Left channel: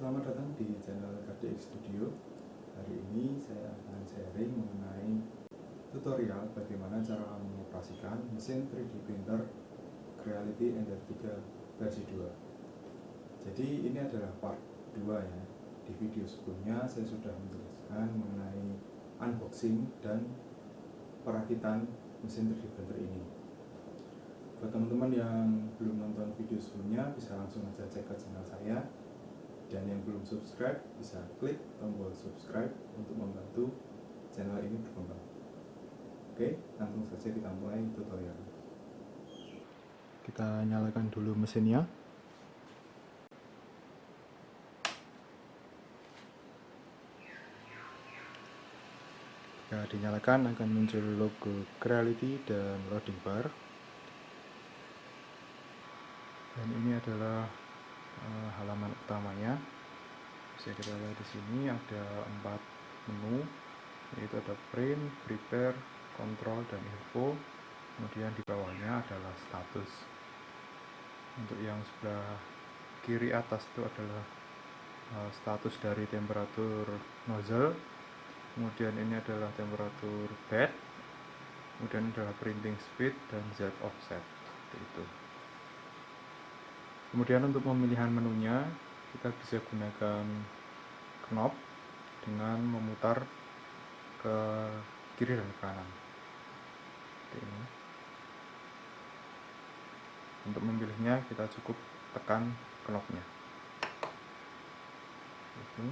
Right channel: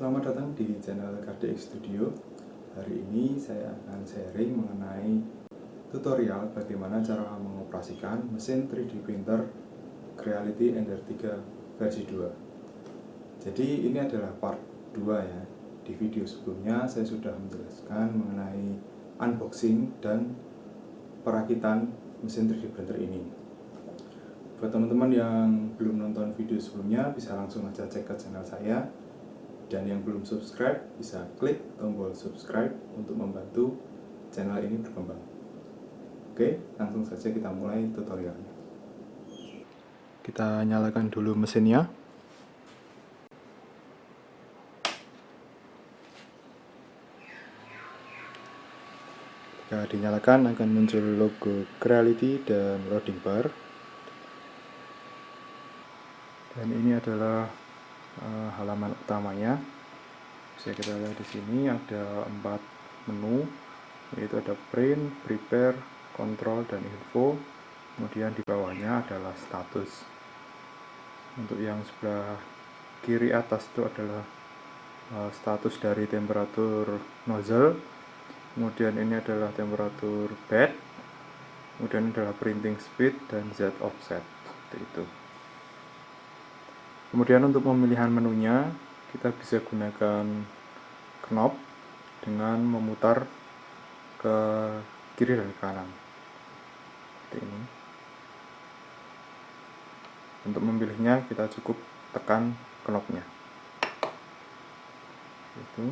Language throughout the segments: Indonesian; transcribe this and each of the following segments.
Selamat datang di channel KDX Studio. Hari ini saya akan sharing mengenai tutorial bagaimana cara mengoperasikan mesin 3D printer Creality Ender 3 versi 2. Jadi ini adalah part 2 ya. Di video sebelumnya saya sudah menjelaskan mengenai unboxing dan perakitan mesin 3D printer ini. Buat teman-teman yang belum nonton video sebelumnya, bisa langsung aja cek ke channel saya. Dan yang belum subscribe, bisa klik tombol subscribe untuk membantu channel ini berkembang. Oke, langsung saja kita mulai tutorialnya. Kita nyalakan dulu mesinnya. Jika dinyalakan akan muncul logo Creality dan loading bar. Dan ini adalah halaman utamanya. Bisa kita lihat di sini ada 4 menu, yaitu ada print, prepare, control, dan info. Kemudian di bawahnya adalah status. Untuk yang sebelah kiri atas itu adalah status dari temperatur nozzle. Kemudian ini adalah temperatur bed. Kemudian adalah printing speed dan Z offset. Seperti itu. Kemudian untuk pemilihan menunya, kita bisa gunakan knob dengan memutar ke kiri dan kanan. Seperti ini. Untuk memilihnya kita cukup tekan knobnya. Itu.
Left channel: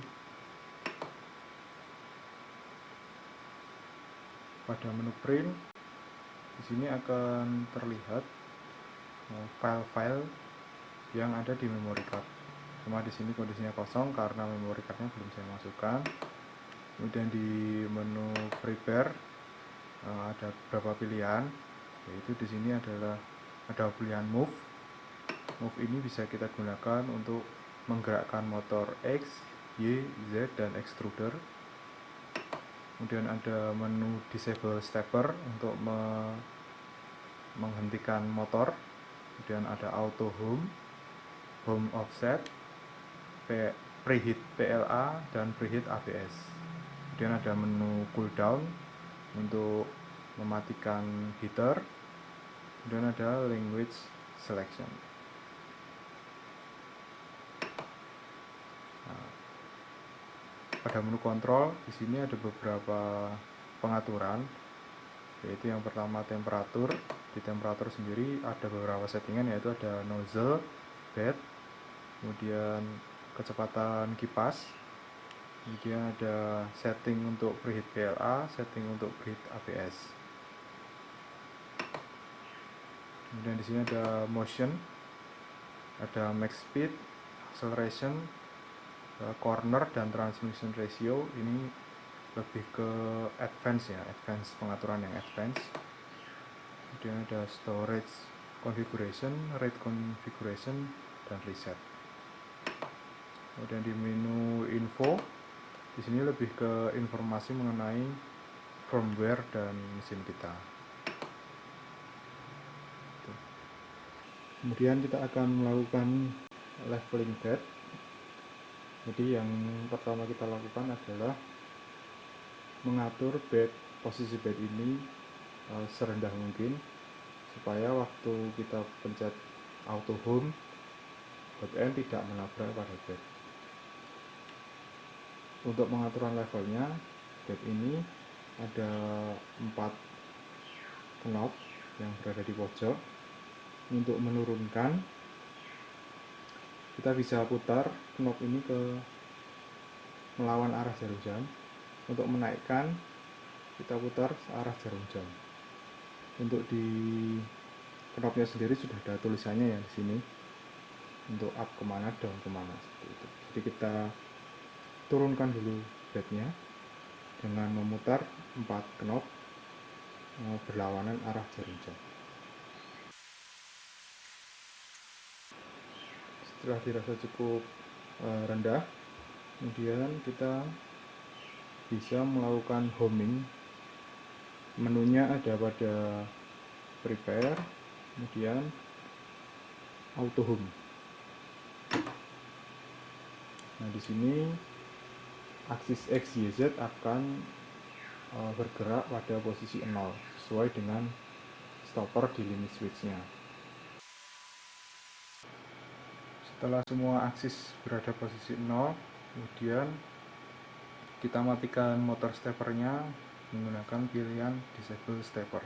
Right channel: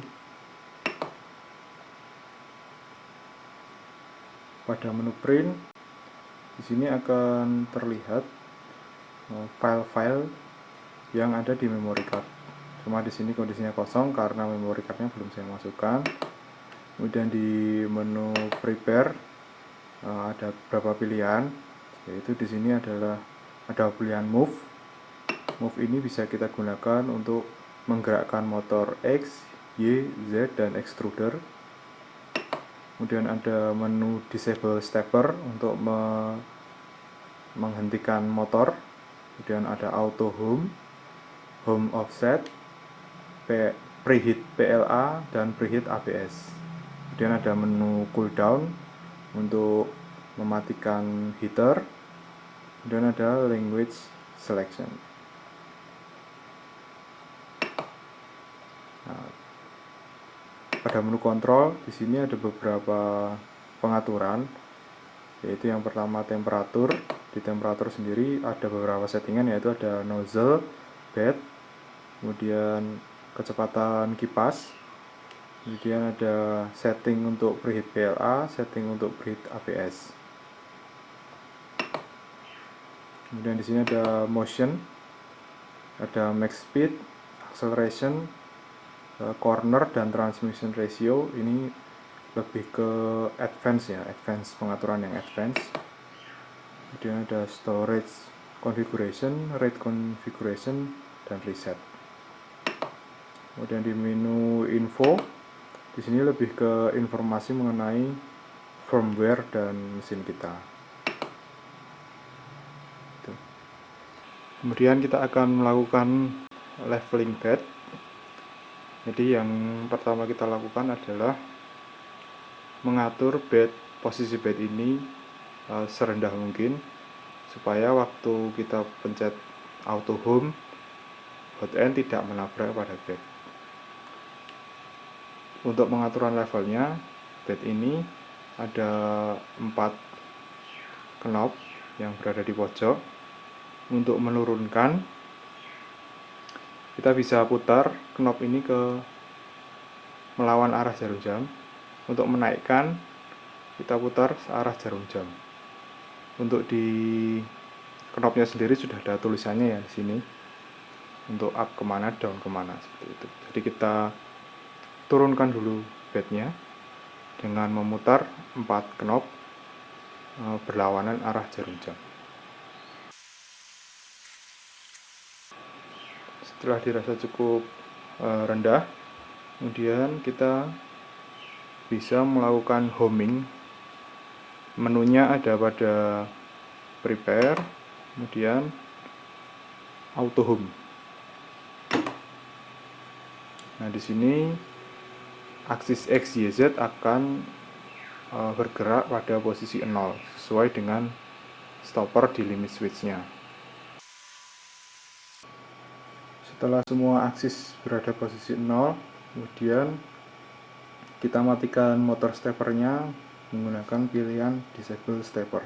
Pada menu print, di sini akan terlihat file-file yang ada di memory card. Cuma di sini kondisinya kosong karena memory cardnya belum saya masukkan. Kemudian di menu prepare ada beberapa pilihan, yaitu di sini ada pilihan move. Move ini bisa kita gunakan untuk menggerakkan motor X, Y, Z, dan extruder. Kemudian ada menu disable stepper untuk menghentikan motor. Kemudian ada auto home, home offset, preheat PLA, dan preheat ABS. Kemudian ada menu cooldown untuk mematikan heater. Dan ada language selection. Nah, pada menu kontrol di sini ada beberapa pengaturan, yaitu yang pertama temperatur. Di temperatur sendiri ada beberapa settingan, yaitu ada nozzle, bed, kemudian kecepatan kipas, kemudian ada setting untuk preheat PLA, setting untuk preheat ABS. Kemudian di sini ada motion, ada max speed, acceleration, corner, dan transmission ratio. Ini lebih ke advance ya, advance, pengaturan yang advance. Kemudian ada storage configuration, rate configuration, dan reset. Kemudian di menu info, di sini lebih ke informasi mengenai firmware dan mesin kita. Kemudian kita akan melakukan leveling bed. Jadi yang pertama kita lakukan adalah mengatur posisi bed ini serendah mungkin, supaya waktu kita pencet auto home, hot end tidak menabrak pada bed. Untuk pengaturan levelnya, bed ini ada 4 knob yang berada di pojok. Untuk menurunkan, kita bisa putar knob ini melawan arah jarum jam. Untuk menaikkan, kita putar searah jarum jam. Untuk di knobnya sendiri sudah ada tulisannya ya di sini. Untuk up kemana, down kemana, seperti itu. Jadi kita turunkan dulu bednya dengan memutar 4 knob berlawanan arah jarum jam. Setelah dirasa cukup rendah, kemudian kita bisa melakukan homing. Menunya ada pada prepare, kemudian auto home. Nah, di sini aksis X, Y, Z akan bergerak pada posisi 0 sesuai dengan stopper di limit switch-nya. Setelah semua aksis berada posisi 0, kemudian kita matikan motor steppernya menggunakan pilihan disable stepper.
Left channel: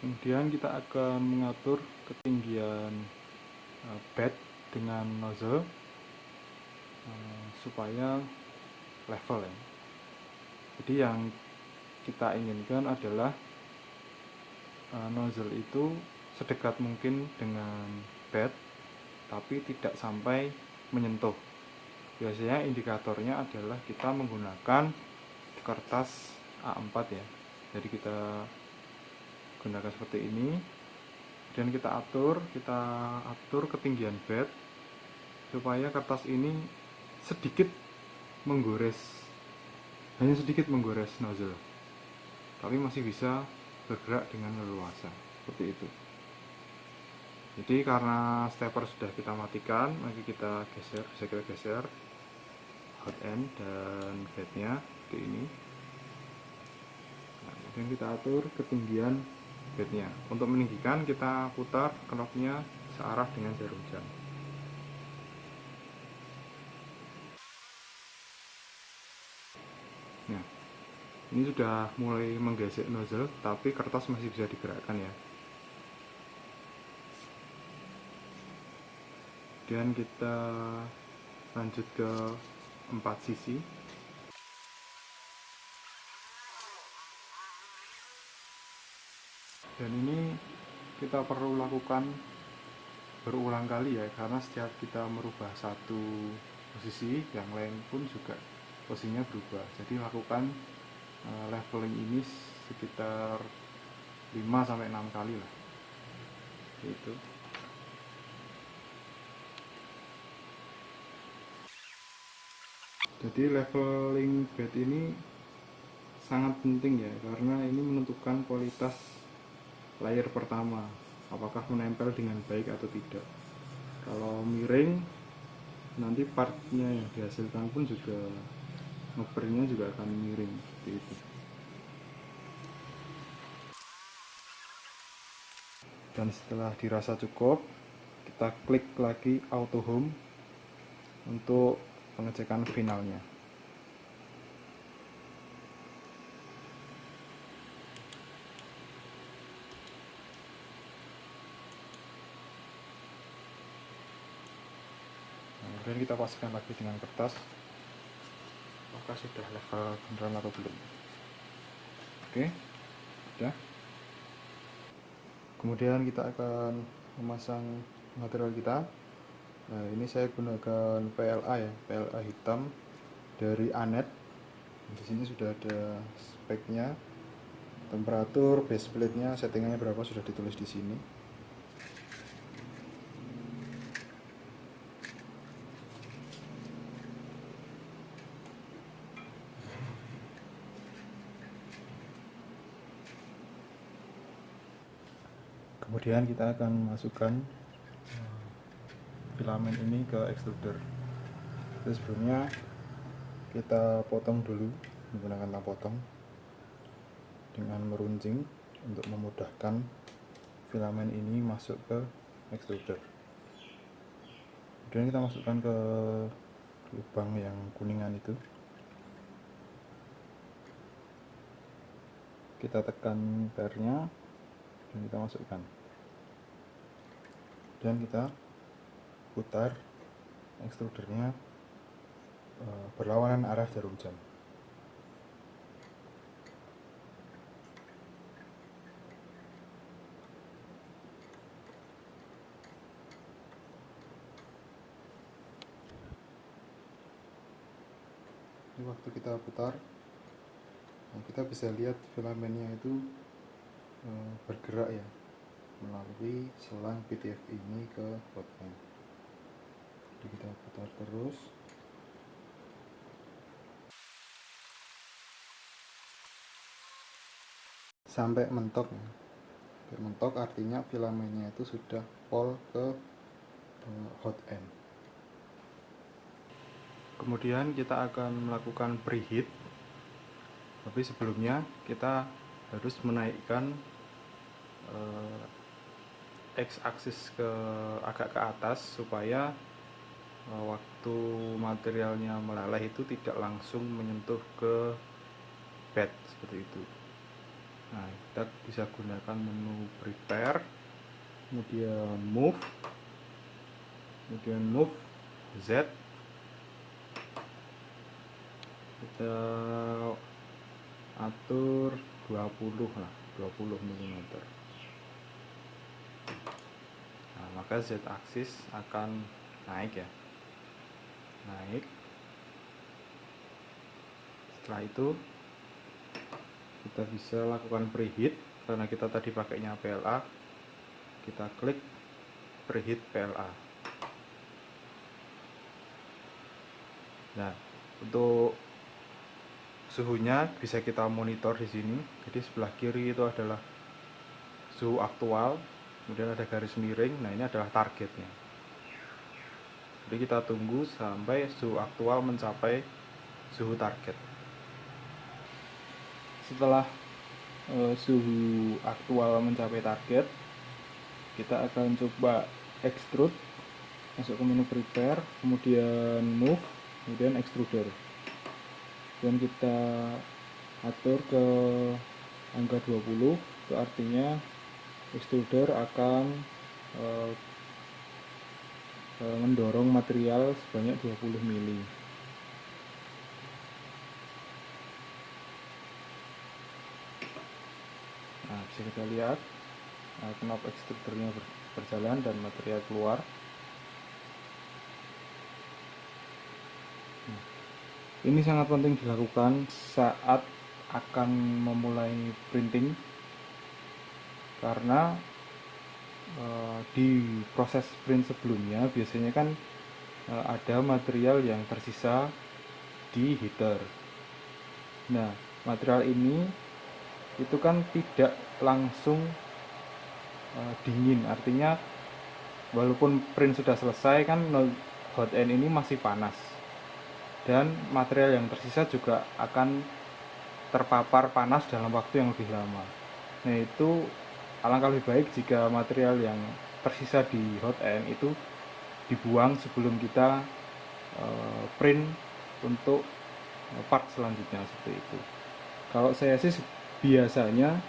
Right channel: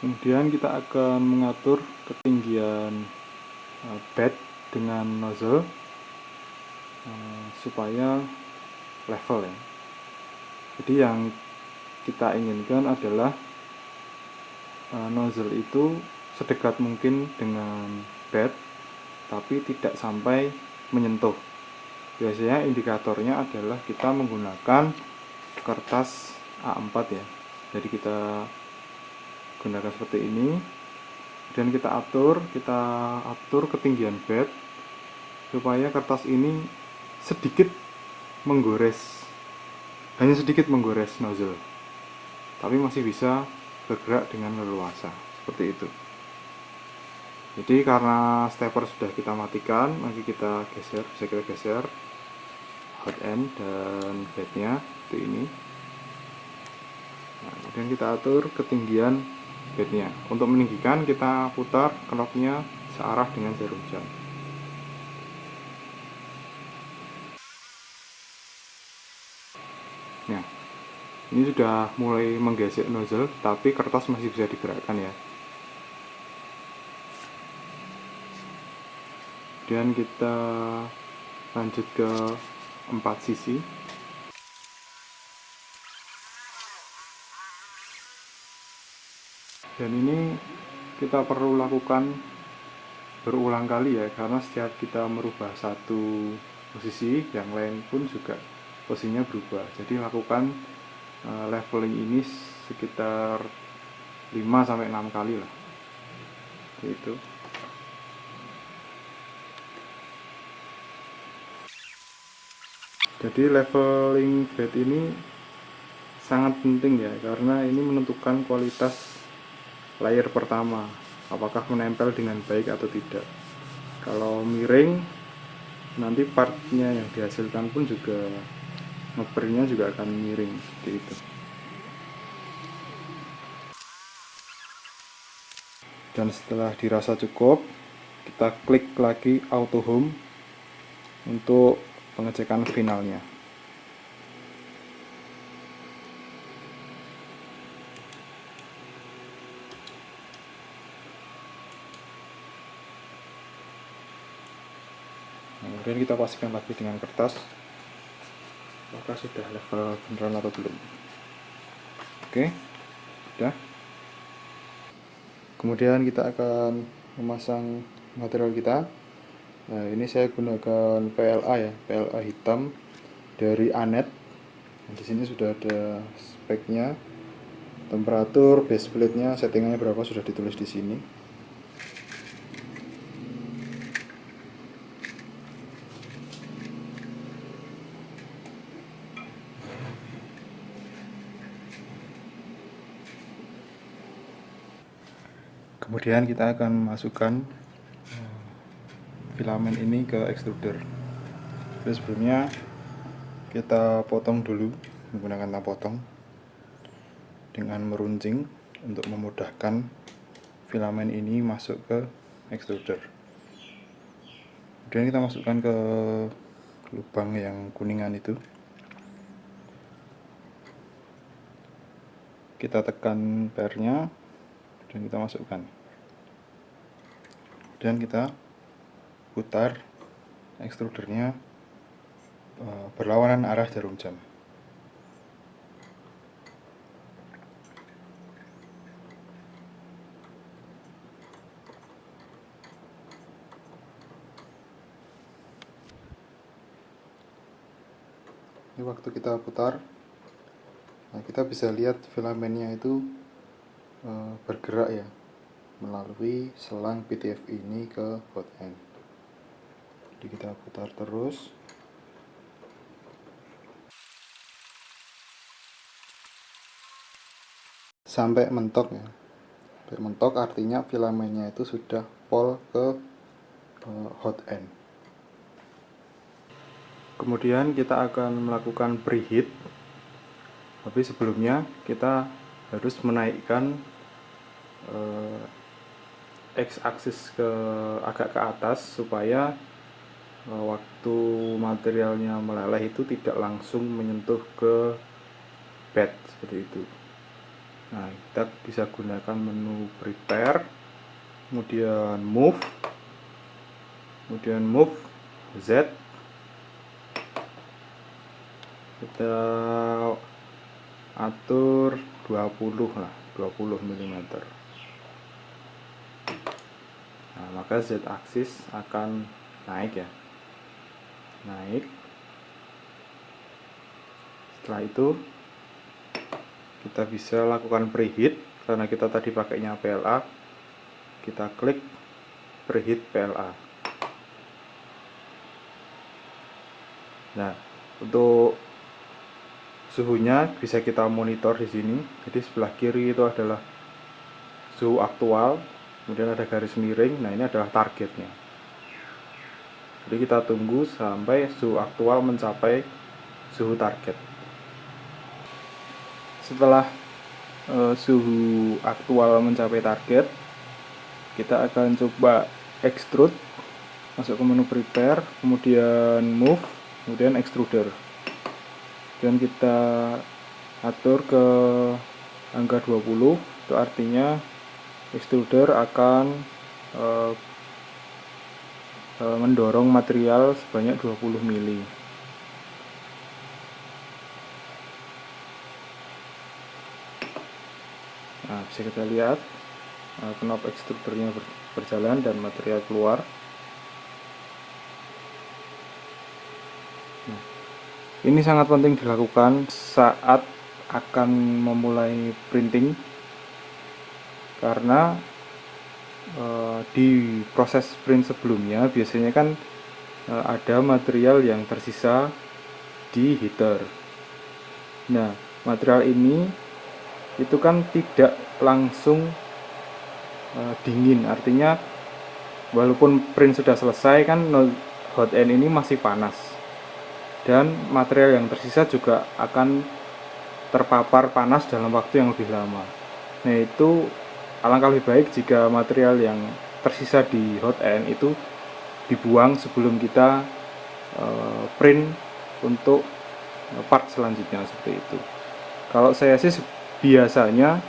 Kemudian kita akan mengatur ketinggian bed dengan nozzle supaya level ya. Jadi yang kita inginkan adalah nozzle itu sedekat mungkin dengan bed, tapi tidak sampai menyentuh. Biasanya indikatornya adalah kita menggunakan kertas A4 ya. Jadi kita gunakan seperti ini, dan kita atur ketinggian bed supaya kertas ini hanya sedikit menggores nozzle, tapi masih bisa bergerak dengan leluasa seperti itu. Jadi karena stepper sudah kita matikan, mari kita geser hot end dan bednya seperti ini. Nah, kemudian kita atur ketinggian bednya. Untuk meninggikan kita putar knobnya searah dengan jarum jam. Nah, ini sudah mulai menggesek nozzle, tapi kertas masih bisa digerakkan ya. Kemudian kita lanjut ke 4 sisi. Dan ini kita perlu lakukan berulang kali ya, karena setiap kita merubah satu posisi, yang lain pun juga posisinya berubah. Jadi lakukan leveling ini sekitar 5-6 kali lah. Itu. Jadi leveling bed ini sangat penting ya, karena ini menentukan kualitas layer pertama, apakah menempel dengan baik atau tidak. Kalau miring, nanti partnya yang dihasilkan pun juga ngeprintnya juga akan miring seperti itu. Dan setelah dirasa cukup, kita klik lagi auto home untuk pengecekan finalnya. Kemudian kita pastikan lagi dengan kertas apakah sudah level beneran atau belum. Oke, sudah. Kemudian kita akan memasang material kita. Nah, ini saya gunakan PLA ya, PLA hitam dari Anet. Nah, di sini sudah ada speknya, temperatur, base plate-nya, settingannya berapa sudah ditulis di sini. Kemudian kita akan masukkan filamen ini ke extruder. Jadi sebelumnya kita potong dulu menggunakan lap potong dengan meruncing untuk memudahkan filamen ini masuk ke extruder. Kemudian kita masukkan ke lubang yang kuningan itu. Kita tekan pernya dan kita masukkan. Dan kita putar extrudernya berlawanan arah jarum jam. Ini waktu kita putar, nah kita bisa lihat filamennya itu bergerak ya melalui selang PTF ini ke hot end. Jadi kita putar terus. Sampai mentok ya. Sampai mentok artinya filamennya itu sudah pol ke hot end. Kemudian kita akan melakukan preheat, tapi sebelumnya kita harus menaikkan X-aksis agak ke atas supaya waktu materialnya meleleh itu tidak langsung menyentuh ke bed seperti itu. Nah, kita bisa gunakan menu prepare, kemudian move Z, kita atur 20 mm. Nah, maka Z aksis akan naik ya, naik. Setelah itu kita bisa lakukan preheat, karena kita tadi pakainya PLA, kita klik preheat PLA. Nah, untuk suhunya bisa kita monitor di sini. Jadi sebelah kiri itu adalah suhu aktual, kemudian ada garis miring. Nah, ini adalah targetnya. Jadi kita tunggu sampai suhu aktual mencapai suhu target. Setelah suhu aktual mencapai target, kita akan coba extrude, masuk ke menu prepare, kemudian move, kemudian extruder, dan kita atur ke angka 20. Itu artinya extruder akan mendorong material sebanyak 20 mili. Nah, bisa kita lihat knob extrudernya berjalan dan material keluar. Nah, ini sangat penting dilakukan saat akan memulai printing, karena di proses print sebelumnya biasanya kan ada material yang tersisa di heater. Nah, material ini itu kan tidak langsung dingin, artinya walaupun print sudah selesai kan hot end ini masih panas, dan material yang tersisa juga akan terpapar panas dalam waktu yang lebih lama. Nah, itu alangkah lebih baik jika material yang tersisa di hot end itu dibuang sebelum kita print untuk part selanjutnya, seperti itu. Kalau saya sih biasanya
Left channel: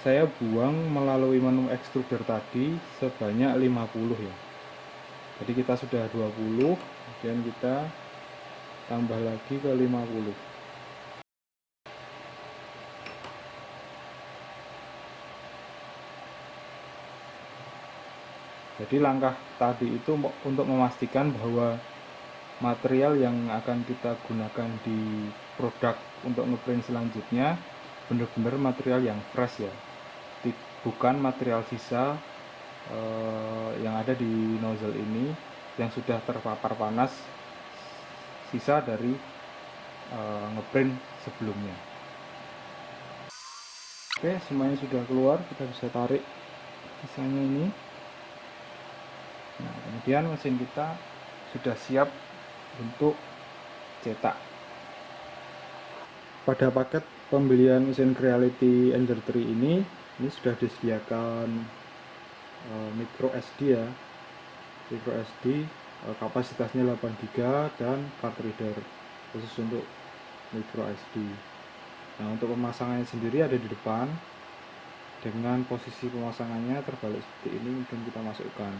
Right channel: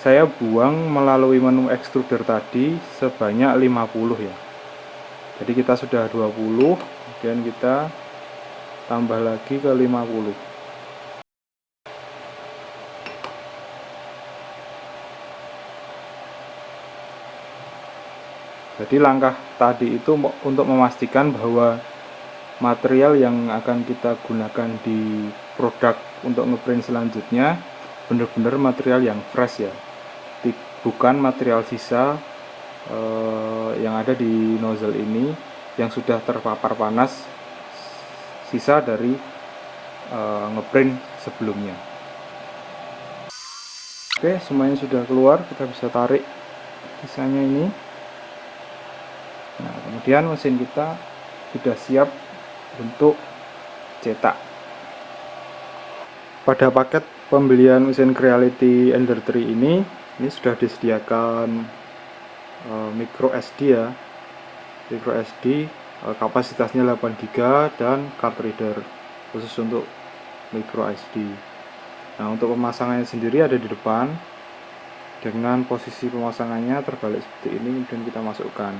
saya buang melalui menu extruder tadi sebanyak 50 ya. Jadi kita sudah 20, kemudian kita tambah lagi ke 50. Jadi langkah tadi itu untuk memastikan bahwa material yang akan kita gunakan di produk untuk ngeprint selanjutnya benar-benar material yang fresh ya, bukan material sisa yang ada di nozzle ini yang sudah terpapar panas, sisa dari ngeprint sebelumnya. Oke, semuanya sudah keluar, kita bisa tarik sisanya ini. Nah, kemudian mesin kita sudah siap untuk cetak. Pada paket pembelian mesin Creality Ender 3 ini sudah disediakan micro SD ya, micro SD kapasitasnya 8 GB dan card reader khusus untuk micro SD. Nah, untuk pemasangannya sendiri ada di depan, dengan posisi pemasangannya terbalik seperti ini, kemudian kita masukkan.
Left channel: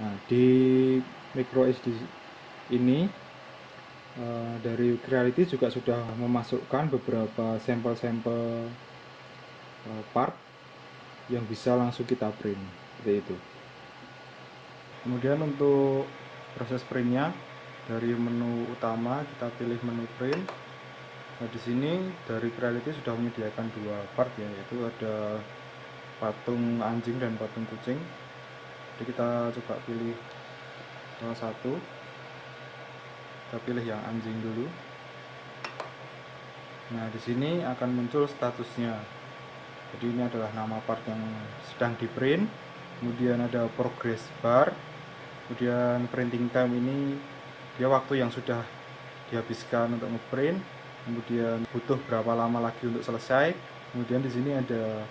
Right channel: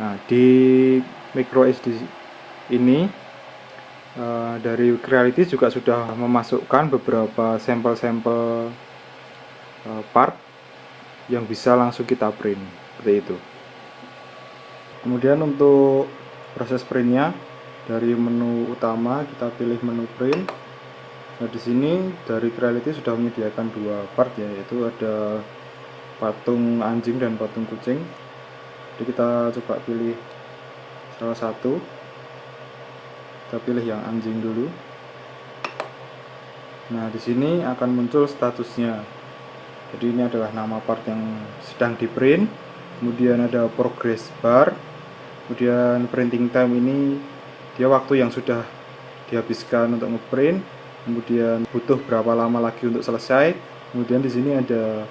Nah, di micro SD ini dari Creality juga sudah memasukkan beberapa sampel-sampel part yang bisa langsung kita print, seperti itu. Kemudian untuk proses printnya, dari menu utama kita pilih menu print. Nah, di sini dari Creality sudah menyediakan dua part ya, yaitu ada patung anjing dan patung kucing. Jadi kita coba pilih salah satu. Kita pilih yang anjing dulu. Nah, di sini akan muncul statusnya. Jadi ini adalah nama part yang sedang di print. Kemudian ada progress bar, Kemudian printing time ini dia waktu yang sudah dihabiskan untuk ngeprint, kemudian butuh berapa lama lagi untuk selesai. Kemudian di sini ada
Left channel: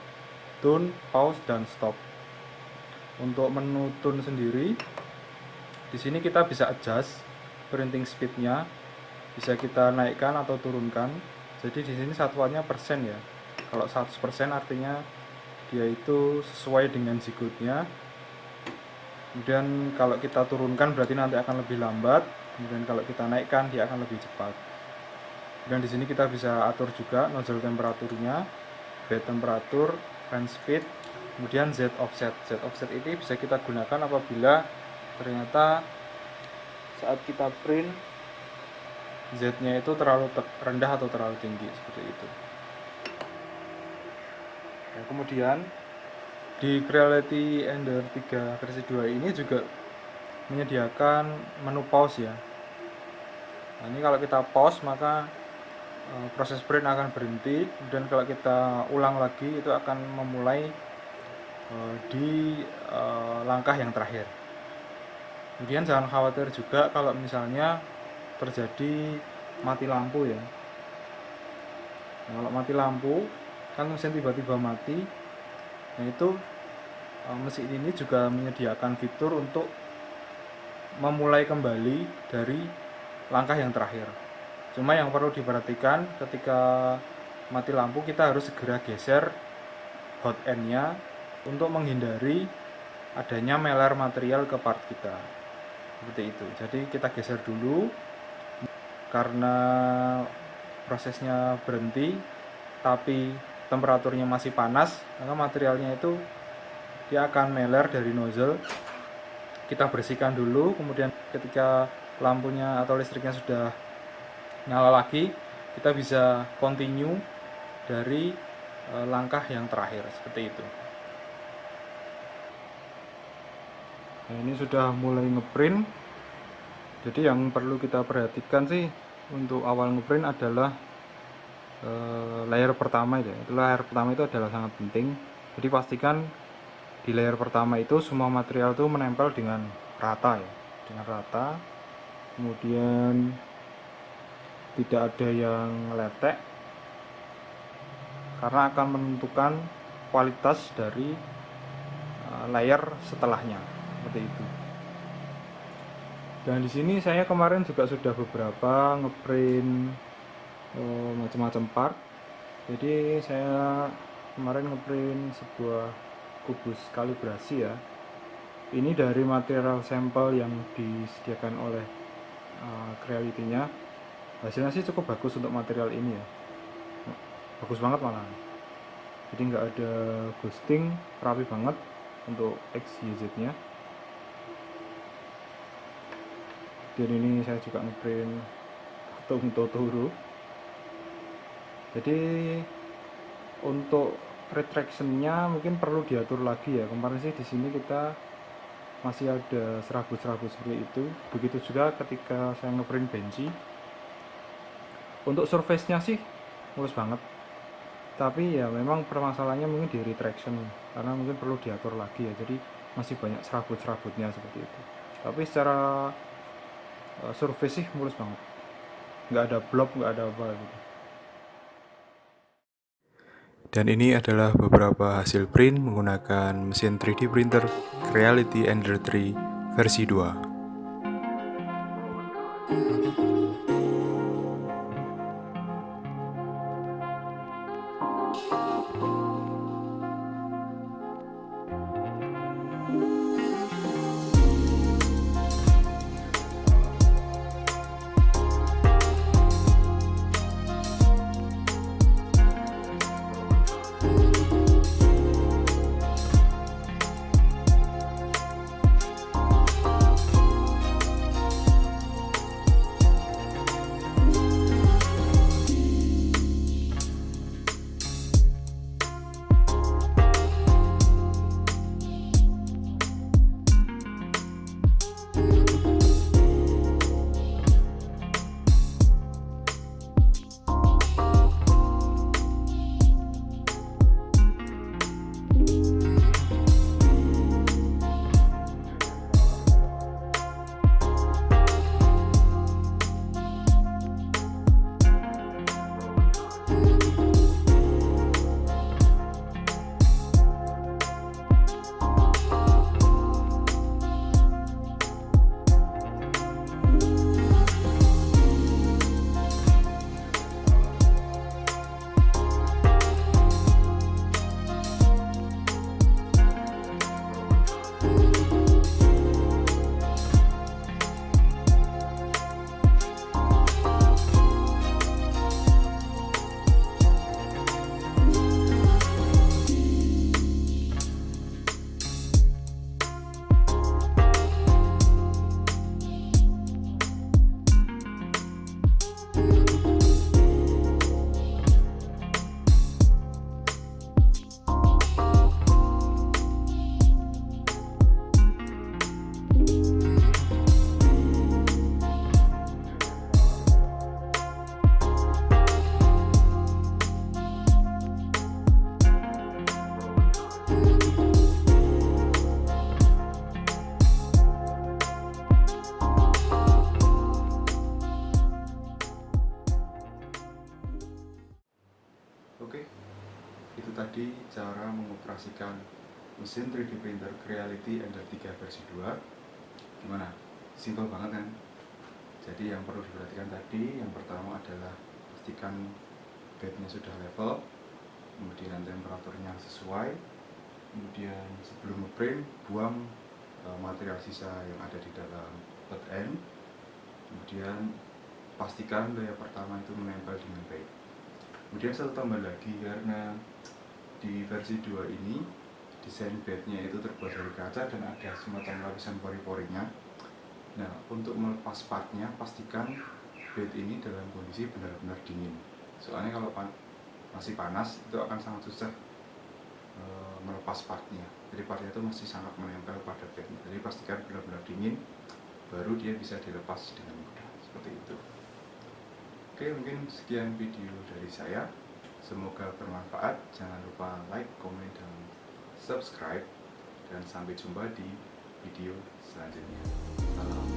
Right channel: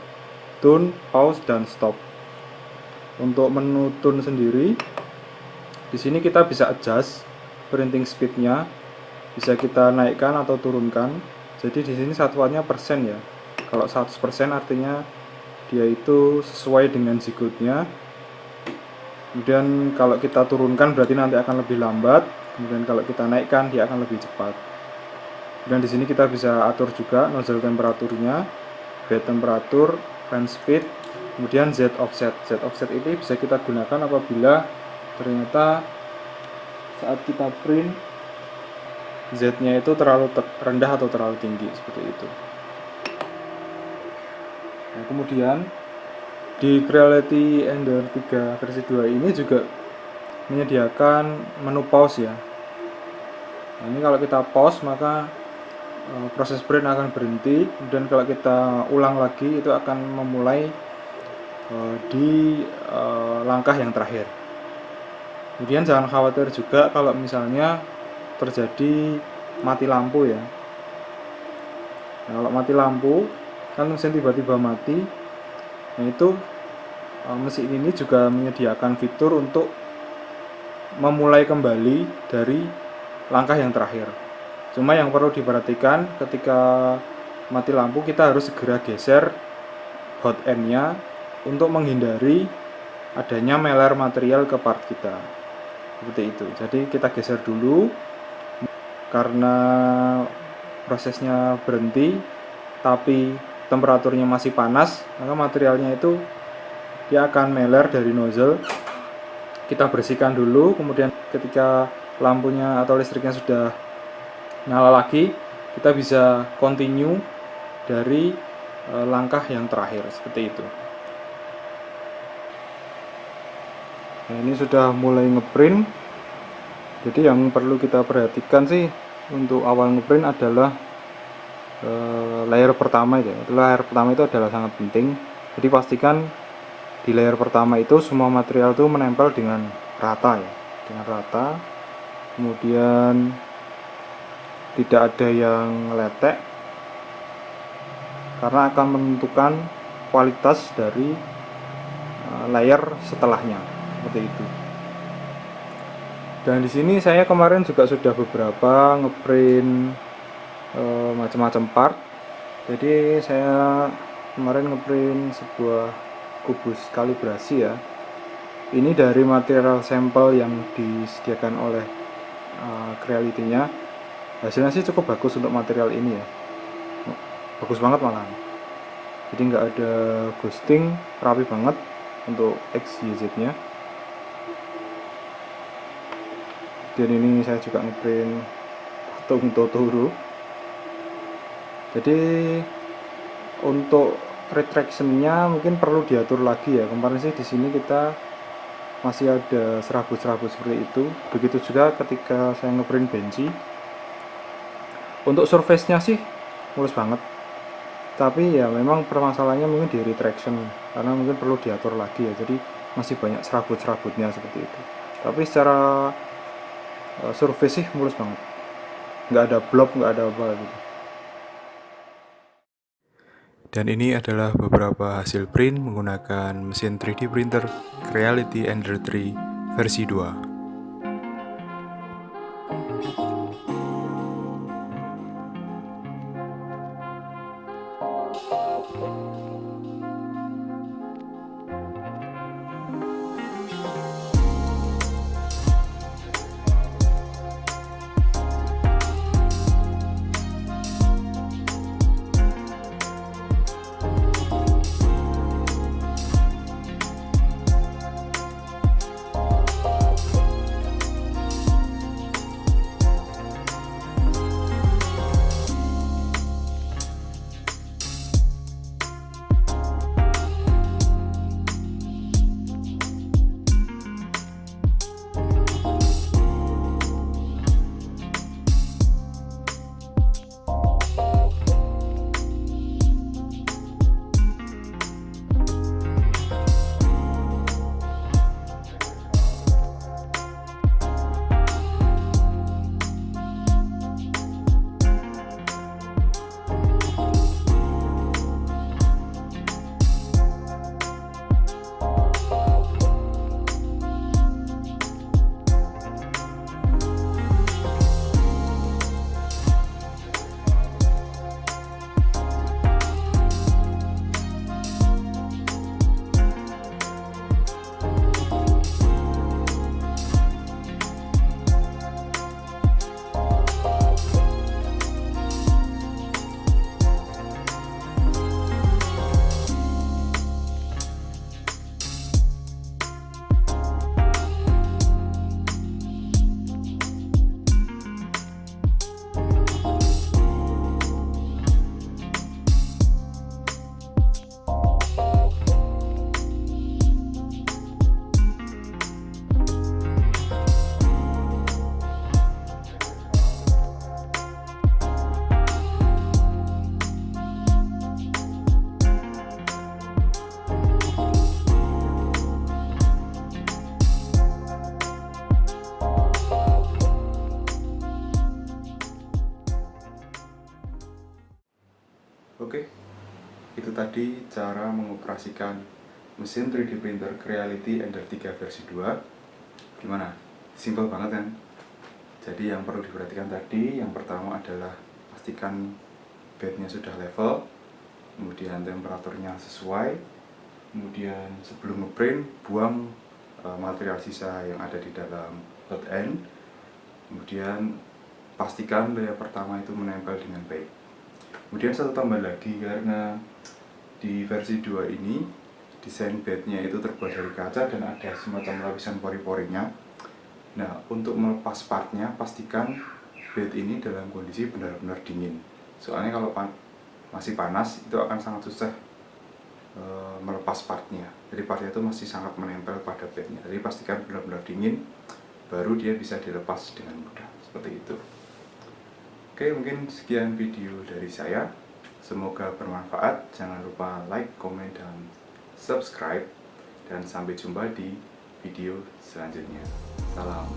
tune, pause, dan stop. Untuk menu tune sendiri, di sini kita bisa adjust printing speednya, bisa kita naikkan atau turunkan. Jadi di sini satuannya persen ya. Kalau 100% artinya dia itu sesuai dengan G-code-nya. Kemudian kalau kita turunkan berarti nanti akan lebih lambat. Kemudian kalau kita naikkan dia akan lebih cepat. Dan di sini kita bisa atur juga nozzle temperaturnya, bed temperatur, fan speed, kemudian Z offset. Z offset ini bisa kita gunakan apabila ternyata saat kita print Z-nya itu terlalu rendah atau terlalu tinggi, seperti itu. Nah, kemudian di Creality Ender 3 versi 2 ini juga menyediakan menu pause ya. Nah, ini kalau kita pause maka proses print akan berhenti, dan kalau kita ulang lagi itu akan memulai di langkah yang terakhir. Kemudian jangan khawatir juga kalau misalnya terjadi mati lampu ya. Nah, kalau mati lampu kan mesin tiba-tiba mati, nah itu mesin ini juga menyediakan fitur untuk memulai kembali dari langkah yang terakhir. Cuma yang perlu diperhatikan ketika mati lampu kita harus segera geser hot end-nya untuk menghindari adanya meler material ke part kita. Seperti itu. Jadi kita geser dulu karena prosesnya berhenti tapi temperaturnya masih panas, maka materialnya itu dia akan meler dari nozzle. Kita bersihkan dulu, kemudian ketika lampunya atau listriknya sudah nyala lagi, kita bisa continue dari langkah yang terakhir, seperti itu. Nah, ini sudah mulai ngeprint. Jadi yang perlu kita perhatikan sih untuk awal ngeprint adalah layer pertama ya. Layer pertama itu adalah sangat penting. Jadi pastikan di layer pertama itu semua material itu menempel dengan rata ya, dengan rata. Kemudian tidak ada yang letek, karena akan menentukan kualitas dari layer setelahnya, seperti itu. Dan di sini saya kemarin juga sudah beberapa ngeprint macam-macam part. Jadi saya kemarin ngeprint sebuah kubus kalibrasi ya. Ini dari material sampel yang disediakan oleh Creality-nya. Hasilnya sih cukup bagus untuk material ini ya, bagus banget malahan. Jadi nggak ada ghosting, rapi banget untuk XYZ nya. Dan ini saya juga ngeprint patung Totoro. Jadi untuk retraction-nya mungkin perlu diatur lagi ya. Kemarin sih di sini kita masih ada serabut-serabut seperti itu. Begitu juga ketika saya ngeprint benci. Untuk surface-nya sih mulus banget. Tapi ya memang permasalahannya mungkin di retraction, karena mungkin perlu diatur lagi ya. Jadi masih banyak serabut-serabutnya seperti itu. Tapi secara surface sih mulus banget. Nggak ada blob, nggak ada apa gitu. Dan ini adalah beberapa hasil print menggunakan mesin 3D printer Creality Ender 3 versi 2. tadi cara mengoperasikan mesin 3D printer Creality Ender 3 versi 2. Gimana? Simpel banget kan? Jadi yang perlu diperhatikan tadi, yang pertama adalah pastikan bednya sudah level, kemudian temperaturnya sesuai, kemudian sebelum ngeprint buang material sisa yang ada di dalam hot end, kemudian pastikan layer pertama itu menempel dengan baik. Kemudian satu tambah lagi, karena di versi 2 ini desain bednya itu terbuat dari kaca dan ada semacam lapisan pori-porinya. Nah, untuk melepas partnya pastikan bed ini dalam kondisi benar-benar dingin. Soalnya kalau masih panas itu akan sangat susah melepas partnya. Jadi partnya itu masih sangat menempel pada bednya. Jadi pastikan benar-benar dingin, baru dia bisa dilepas dengan mudah. Seperti itu. Oke, mungkin sekian video dari saya. Semoga bermanfaat. Jangan lupa like, komen, dan subscribe. Dan sampai jumpa di video selanjutnya. Salam.